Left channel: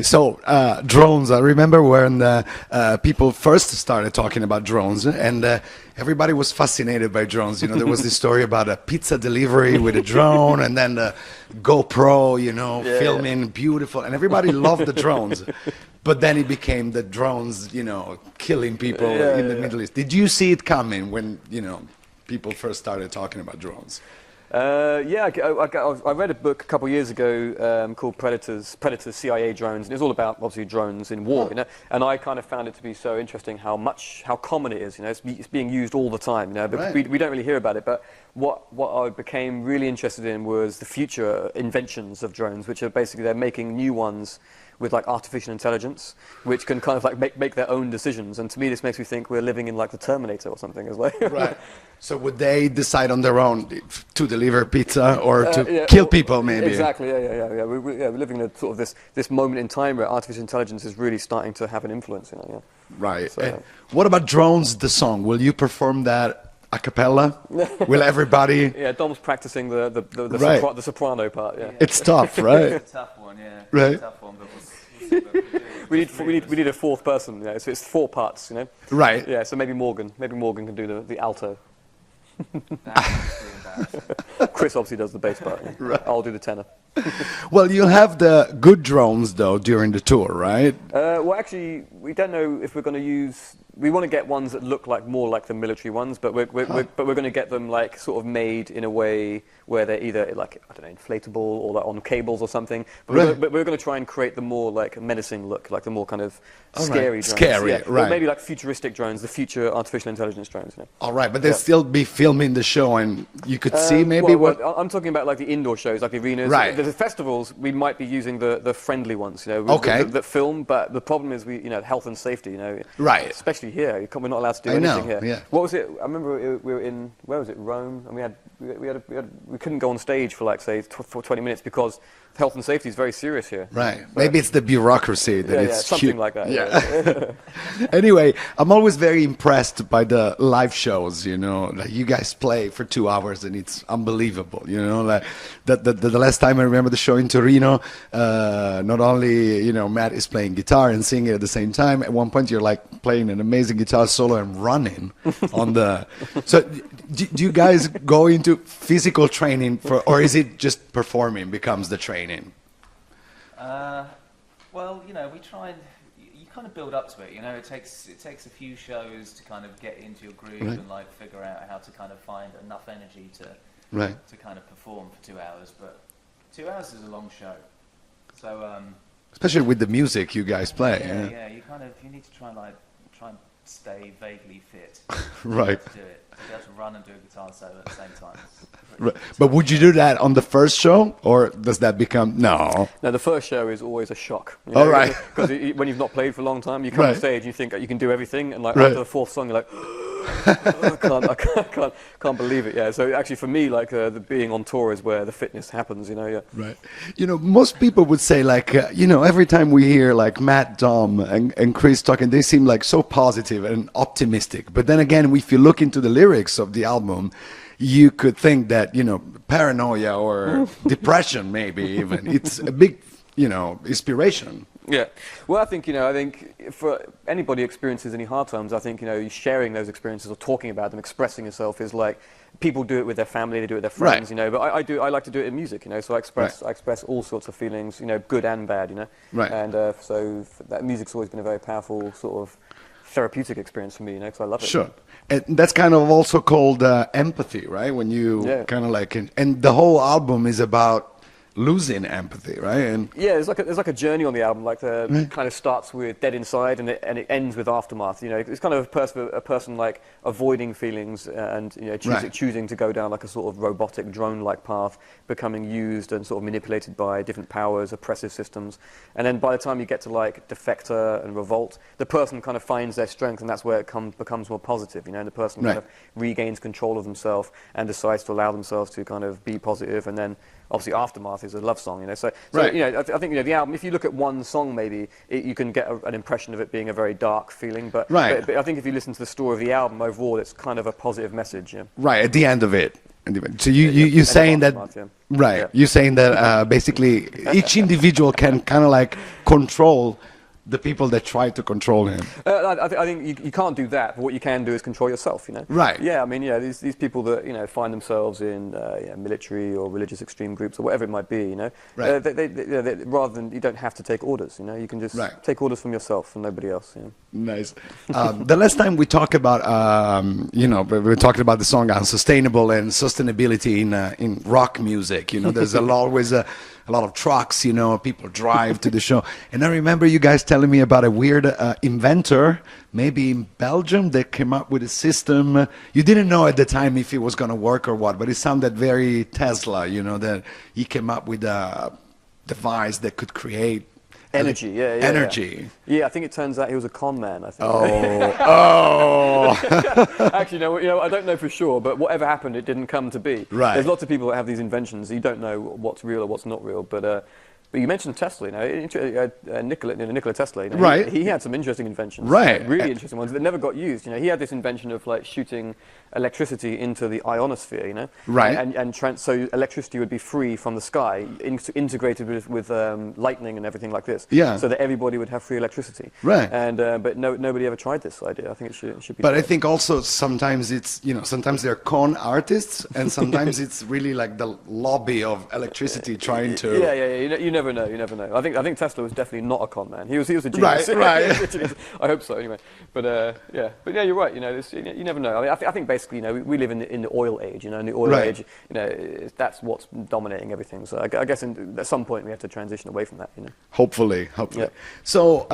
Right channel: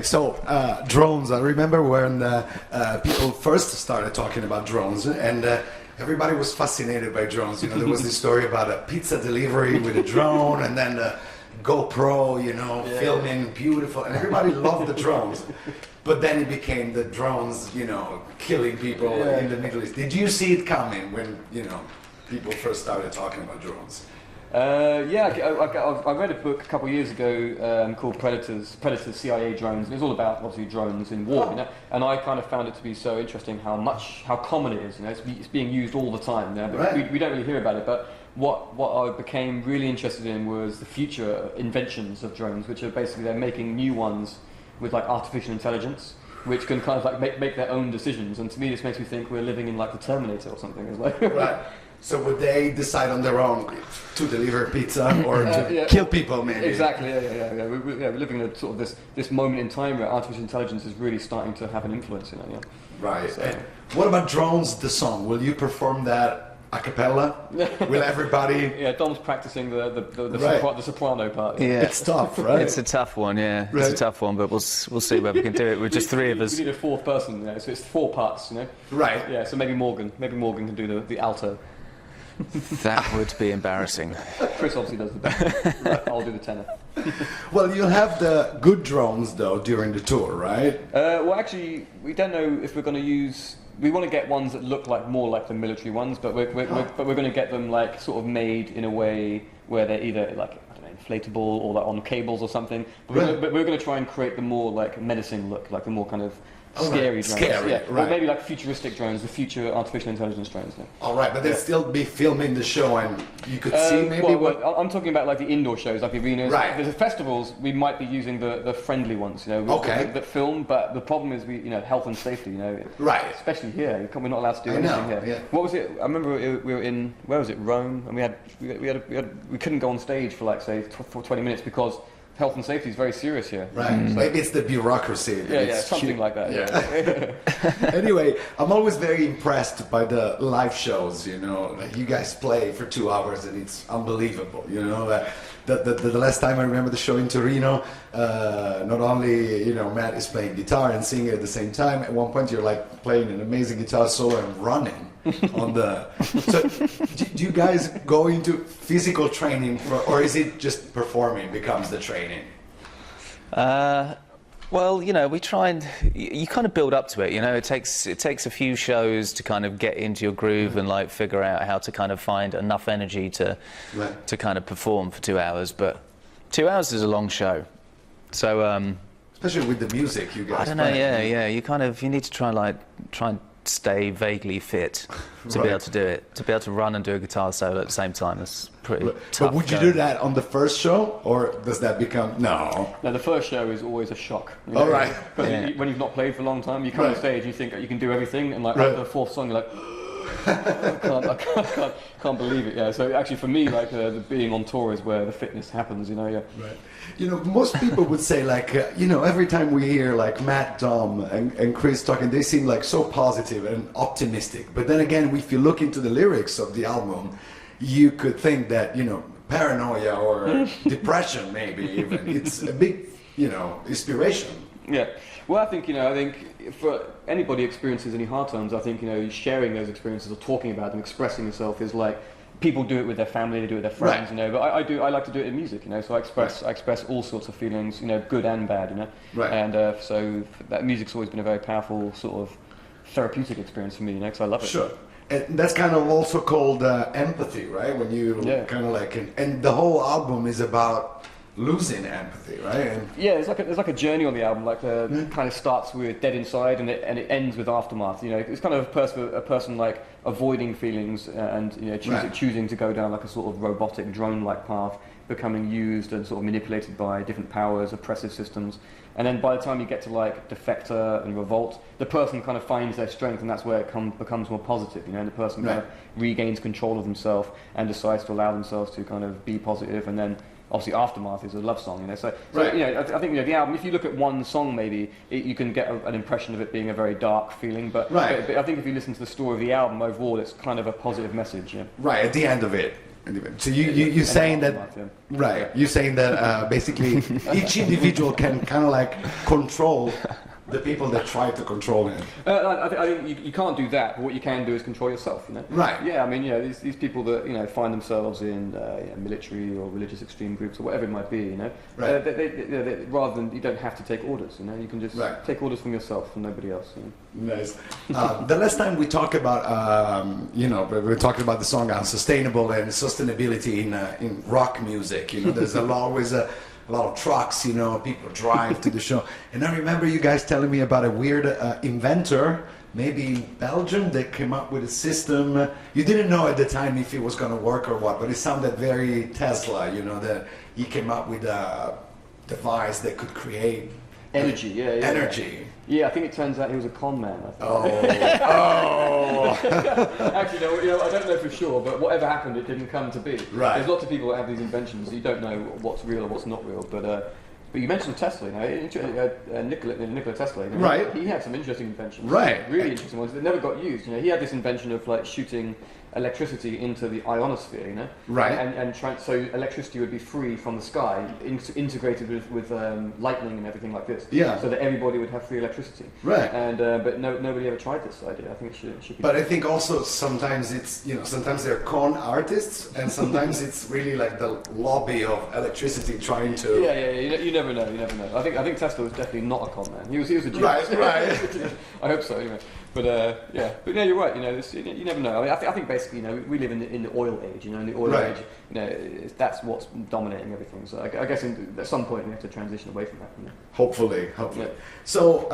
So, drones, I remember when people first started talking about drones, and everybody was fascinated by drones. You know, there was this story about a pizza delivery with a drone, and then the GoPro, you know, filming beautiful, and everybody loved the drones. But then it became the drones, you know, killing people in the Middle East. Did you see it coming when, you know, people first started talking about drones? I read a book a couple of years ago called Predators, CIA drones, and it's all about obviously drones in war, you know. And I kind of found it to be so interesting how common it is, you know. It's being used all the time, you know, but we don't really hear about it. But what I became really interested in was the future inventions of drones, which are basically they're making new ones with like artificial intelligence, which can kind of like make their own decisions. And to me, this makes me think we're living in like the Terminator or something as well. Right. So would they decide on their own to deliver pizza or to kill people, maybe? Exactly. Yeah. We're living in a sort of this moment in time where artificial intelligence is really starting to have an influence in it. Yeah. Right. So, what about Drones, the song? Will you perform that a cappella? Will everybody? Yeah, Dom's practicing the soprano part. Yeah. It's tough, right? It's a tough one, yeah. It's a tough one, but we'll see whether we can do it with just three of us. We need a fourth person, you know, so it's 4 parts, you know. Right. Yeah, so maybe Morgan can do the alto. That would be embarrassing. Chris obviously does the bass part. Right. I'll do the tenor. Well, you'll have the good drones, though, during the tour, right? Well, actually, we don't know if we're going to use... We want to get ones that look like more like the military ones, but we're going to get them like sort of made in a way where they're either like, I don't know, inflatable or like on cables or something. But we're going to try and create the more like menacing look, like the more kind of scary drones. Scary, right. Maybe like futuristic drones, the future artificial intelligence drones. Yeah. All right, but they'll still be filming the show, and you could see maybe what... I'm talking about like the indoor shows, like the arenas. Right. The festivals, we might be using the friendly ones, you know, that film, but the problem is health and safety, you know. Right. Especially here, we're not allowed to do anything here. Yeah. What was it? I remember we were in, where was it, Rome, and we couldn't go on stage for like, say, for 20 minutes because health and safety is very serious here. Right. Maybe it's the bureaucracy that it's something like that. Yeah. Anyway, I'm always very impressed by the live shows, you know, that you guys play for 2 hours and it's unbelievable, you know. The last time I remember the show in Torino, not only, you know, Matt is playing guitar and singing at the same time, at one point you're like playing an amazing guitar solo and running on the... So do you guys go into physical training or is it just performing becomes the training? Well, you know, we try and you kind of build up to it. You know, it takes a few shows to kind of get into your groove and like figure out how to kind of find enough energy to kind of perform for 2 hours. But 2 hours is a long show, so especially with the music you guys play. Yeah. You need to try and stay vaguely fit to be able to do it, to be able to run and do a guitar solo at the same time. It's pretty tough. But would you do that on the first show, or does that become... No, the first show is always a shock. You know? All right. Because when you've not played for a long time, you come on stage, you think you can do everything, and like after the 4th song, you're like... I can't believe it. Yeah. So actually, for me, like the being on tour is where the fitness happens. You know. Yeah. Right. You know, most people would say like, you know, every time we hear like Matt, Dom, and Chris talking, they seem like so positive and optimistic. But then again, if you look into the lyrics of the album, you could think that, you know, paranoia or depression, maybe even. It's a big, you know, inspiration. Yeah. Well, I think for anybody who experiences any hard times, I think, you know, sharing those experiences or talking about them, expressing yourself is like, people do it with their family, they do it with their friends, you know, but I like to do it in music, you know, so I express all sorts of feelings, you know, good and bad, you know. Right. And so that music's always been a very powerful sort of therapeutic experience for me, you know, because I love it. Sure. And that's kind of also called empathy, right? When you kind of like, and the whole album is about losing empathy, right? And yeah, there's like a journey on the album. Like kind of starts with Dead Inside, and it ends with Aftermath. You know, it's kind of a person like avoiding feelings and, you know, choosing to go down like a sort of robotic drone-like path, becoming used and sort of manipulated by different powers, oppressive systems. And then by the time you get to like Defector and Revolt, the person kind of finds their strength, and that's where it becomes more positive. You know, and the person kind of regains control of themselves and decides to allow themselves to kind of be positive, and then obviously Aftermath is a love song, you know. So you know, I think, you know, the album, if you look at one song maybe, you can get an impression of it being a very dark feeling, but I think if you listen to the story of the album overall, it's kind of a positive message. Yeah. Right, at the end of it. So you're saying that, right? Yeah. You're saying that basically each individual can kind of like control the people that try to control him. I think you can't do that, but what you can do is control yourself, you know? Right. Yeah, I mean, these people that, find themselves in military or religious extreme groups or whatever it might be, you know? Right. They, rather than, you don't have to take orders, you know? You can just take orders from yourself, from nobody else, you know? Nice. The last time we talked about, we were talking about the song Unsustainable and sustainability in rock music, you know? There's always a lot of trucks, you know, people drive to the show. And I remember you guys telling me about a weird inventor, maybe in Belgium, that came up with a system. You didn't know at the time if it was going to work or what, but it sounded very Tesla, you know, that he came up with a device that could create energy. Energy. Yeah, I think it turns out he was a con man, I think. Actually, I don't know for sure, but whatever happened, it didn't come to be. Right. There's lots of people that have these inventions. You don't know what's real or what's not real, but you mentioned Tesla, Nikola Tesla. Right. He had some interesting inventions. Right. Really interesting ones that never got used. He had this invention of like shooting electricity into the ionosphere, you know? Right. So electricity would be free from the sky, integrated with lightning and everything like this. Yeah. So that everybody would have free electricity. Right. And but nobody ever tried this idea. I think it should be. But I think also sometimes it's, sometimes they're con artists and sometimes it's really like the lobby of electricity trying to... Yeah. You never know. I think Tesla was definitely not a con man. He was a genius. Right. I hope so, anyway. But you're right. You never know. I mean, I think basically, we live in the oil age. In the oil age, that's what's dominating everything. So I guess at some point we have to transition away from that. Hopefully. Yeah. So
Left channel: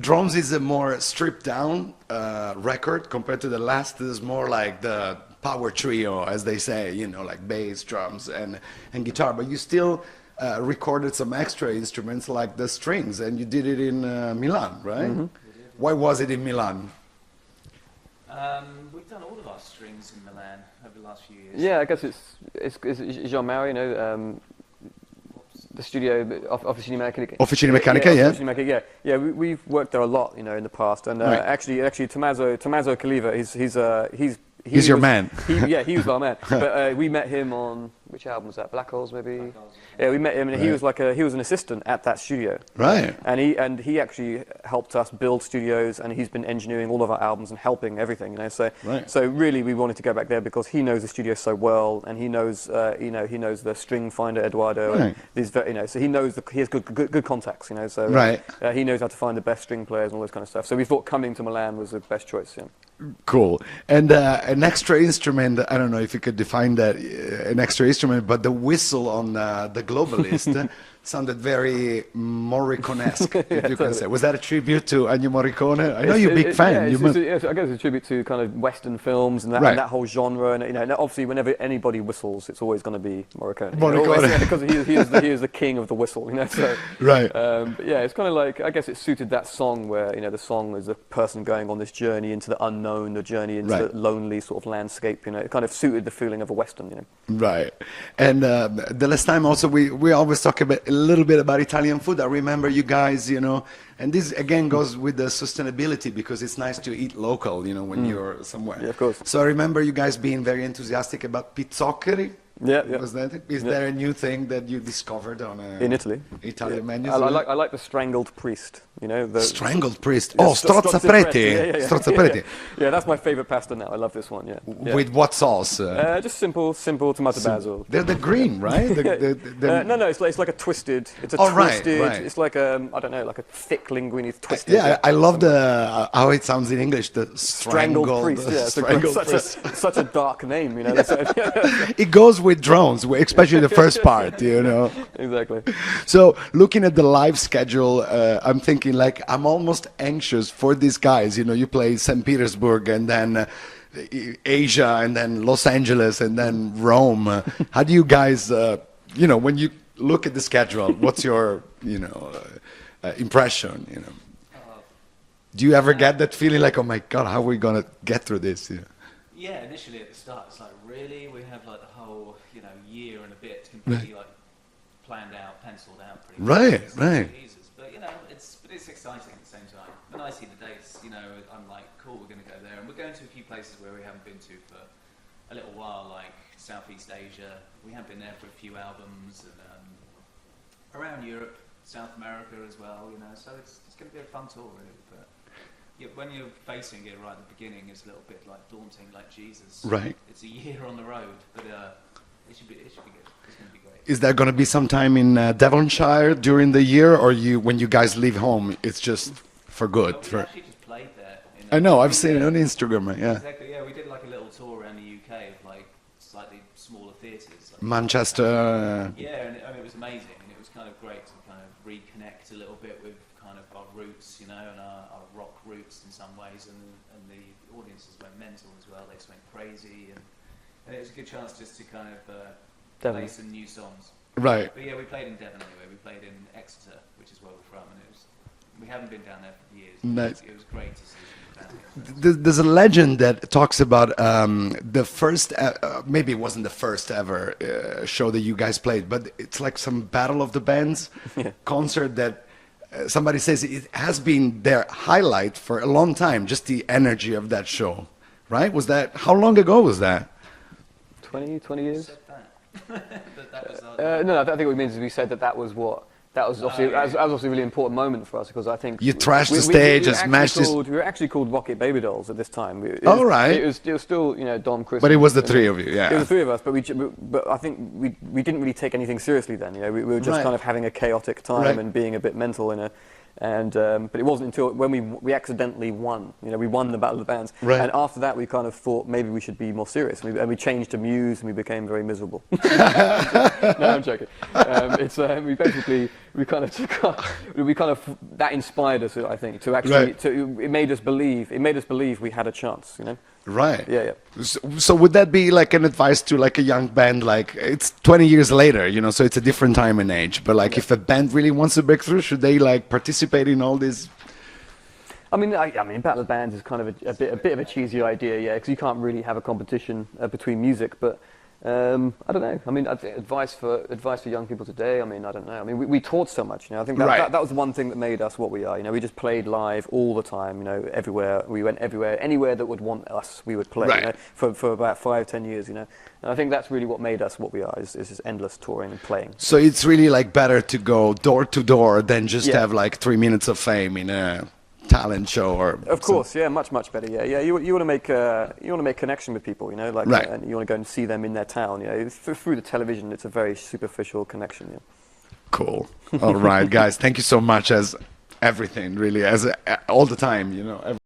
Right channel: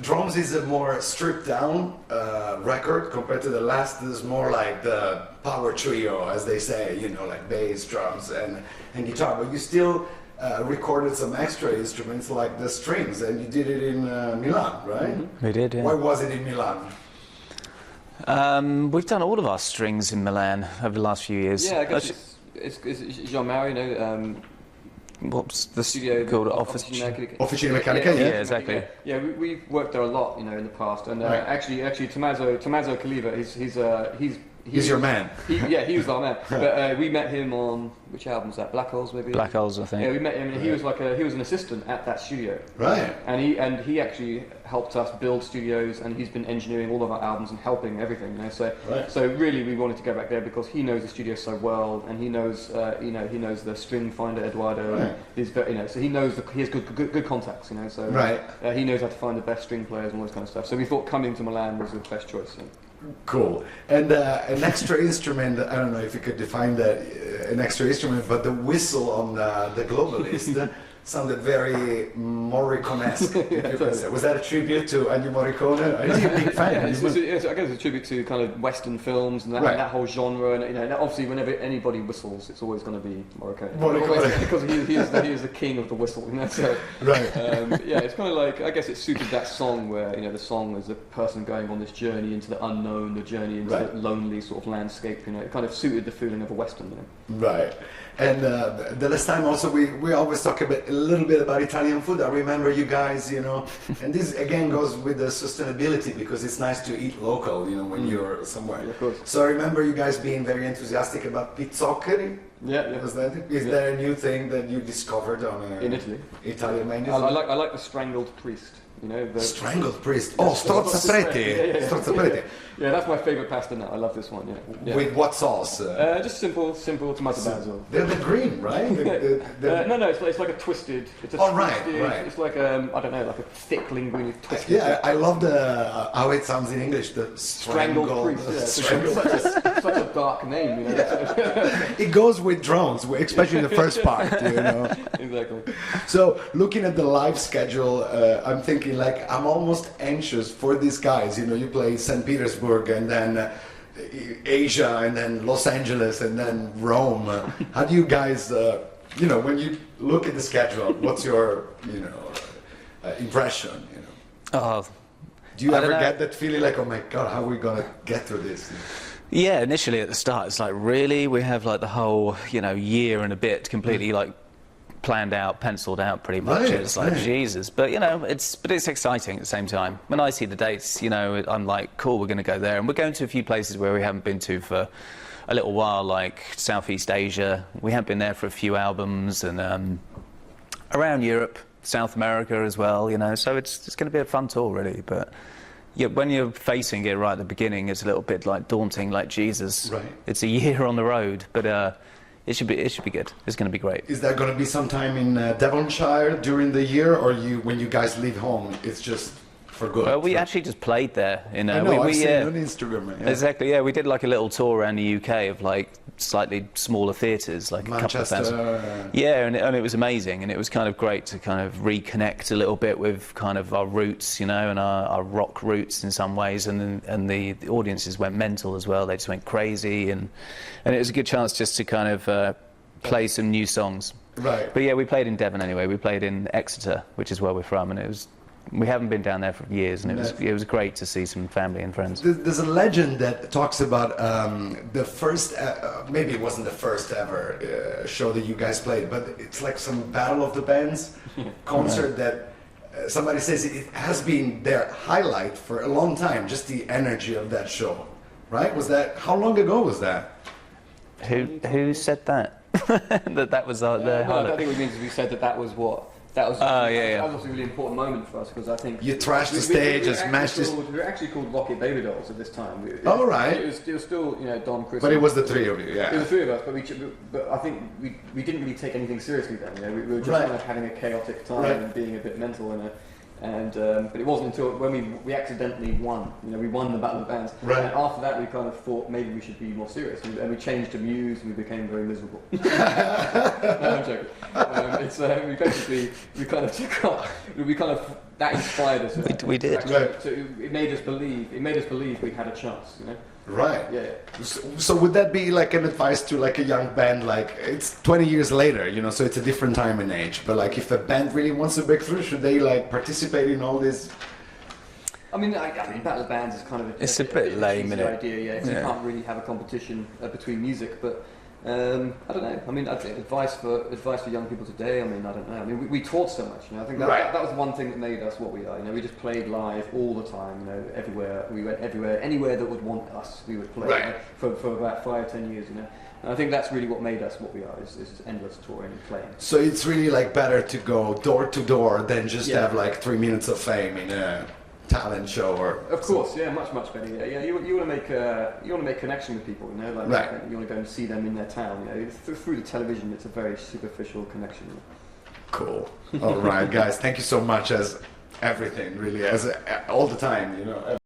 Drums is a more stripped down record compared to the last. Is more like the power trio, as they say. Like bass, drums, and guitar. But you still recorded some extra instruments like the strings, and you did it in Milan, right? Mm-hmm. We did, yeah. Why was it in Milan? We've done all of our strings in Milan over the last few years. Yeah, I guess it's Jean-Marie, what's the studio called? Officine Meccanica, yeah. Exactly. Yeah, we've worked there a lot, in the past, and actually, Tommaso Caliva, He's your man. He was our man. But we met him on which album was that? Black Holes, maybe. Black Holes, I think. Yeah, we met him, and he was he was an assistant at that studio. Right. And he actually helped us build studios, and he's been engineering all of our albums and helping everything. So really, we wanted to go back there because he knows the studio so well, and he knows he knows the string finder Eduardo, and these so he knows he has good contacts. So he knows how to find the best string players and all this kind of stuff. So we thought coming to Milan was the best choice. Yeah. Cool. And an extra instrument, I don't know if you could define that, an extra instrument, but the whistle on the Globalist sounded very Morricone-esque, if you can say. Was that a tribute to Ennio Morricone? I know you're a big fan. I guess it's a tribute to kind of Western films and that whole genre. And obviously, whenever anybody whistles, it's always going to be Morricone. Because he is the king of the whistle. Right. It's kind of like, I guess it suited that song where the song is a person going on this journey into the unknown, the journey into the lonely sort of landscape. It kind of suited the feeling of a Western. Right. And the last time also we always talk a little bit about Italian food. I remember you guys, and this again goes with the sustainability because it's nice to eat local, when you're somewhere. Yeah, of course. So I remember you guys being very enthusiastic about pizzoccheri. Yeah. Was that it? Is there a new thing that you discovered on in Italy? Italian menus? I like the strangled priest. The strangled priest. Oh, strozzapreti. Strozzapreti. Yeah, that's my favorite pasta now. I love this one. Yeah. With what sauce? Just simple tomato basil. They're the green, right? No, it's like a twisted. It's a twisted. Right. It's like I don't know, like a thick linguine twisted. Yeah, I love how it sounds in English. The strangled priest. Strangled priest. Such a dark name, It goes with drones, especially the first part, Exactly. So looking at the live schedule, I'm thinking I'm almost anxious for these guys. You play St. Petersburg and then Asia and then Los Angeles and then Rome. How do you guys, when you look at the schedule, what's your, impression? Do you ever get that feeling like, oh my God, how are we going to get through this? Yeah, initially at the start, it's like, really? We have the whole, year and a bit completely planned out, penciled out pretty much. Right, it's like, Jesus. But, it's exciting at the same time. When I see the dates, I'm like, cool, we're going to go there. And we're going to a few places where we haven't been to for a little while, like Southeast Asia. We have been there for a few albums, and around Europe, South America as well, you know, so it's going to be a fun tour, really. But yeah, when you're facing it right at the beginning, it's a little bit like daunting, like Jesus. Right. It's a year on the road, but it should be good. It's going to be great. Is there going to be some time in Devonshire during the year, or when you guys leave home, it's just for good? Well, we actually just played there. You know, I know, I've seen it on Instagram. Right? Yeah. Exactly, yeah. We did like a little tour around the UK of like slightly smaller theatres, like Manchester. Yeah, and it was amazing, and it was kind of great to kind of reconnect a little bit with kind of our roots, you know, and our rock roots in some ways, and the audiences went mental as well. They just went crazy, and it was a good chance just to kind of play some new songs. Right. But yeah, we played in Devon anyway. We played in Exeter, which is where we're from, and it was. We haven't been down there for years, and it was great to see some family and friends. There's a legend that talks about the first, maybe it wasn't the first ever show that you guys played, but it's like some Battle of the Bands concert that somebody says it has been their highlight for a long time, just the energy of that show, right? Was that, how long ago was that? Who said that? that was our... no, I don't think what we mean is we said that was what... That was obviously a really important moment for us, because I think... You trashed the stage and smashed this... We were actually called Rocket Baby Dolls at this time. Right. It was still, you know, Don, Chris... But it was the three of you, yeah. It was the three of us, but I think we didn't really take anything seriously then, you know. We were just kind of having a chaotic time and being a bit mental in a... but it wasn't until when we accidentally won. You know, we won the Battle of the Bands, and after that we kind of thought maybe we should be more serious, and we changed to Muse, and we became very miserable. No, I'm joking. We kind of that inspired us. I think we did. It made us believe we had a chance. You know. Right. Yeah. So would that be like an advice to like a young band? Like, it's 20 years later, you know, so it's a different time and age. But like, if a band really wants to break through, should they like participate in all this? I mean, Battle of Bands is kind of a bit of a cheesy idea, yeah, because you can't really have a competition between music. But I don't know. I mean, I think advice for young people today. I mean, I don't know. I mean, we toured so much. You know, I think that was one thing that made us what we are. You know, we just played live all the time. You know, everywhere we went, anywhere that would want us, we would play. You know, for about 5-10 years. You know. And I think that's really what made us what we are, is this endless touring and playing. So it's really like better to go door to door than just have like 3 minutes of fame in a talent show, or of course, much better. Yeah. You want to make connection with people, you know, like, and you want to go and see them in their town. You know, through the television, it's a very superficial connection. You know? Cool. All right, guys, thank you so much, as everything, really, as all the time, you know.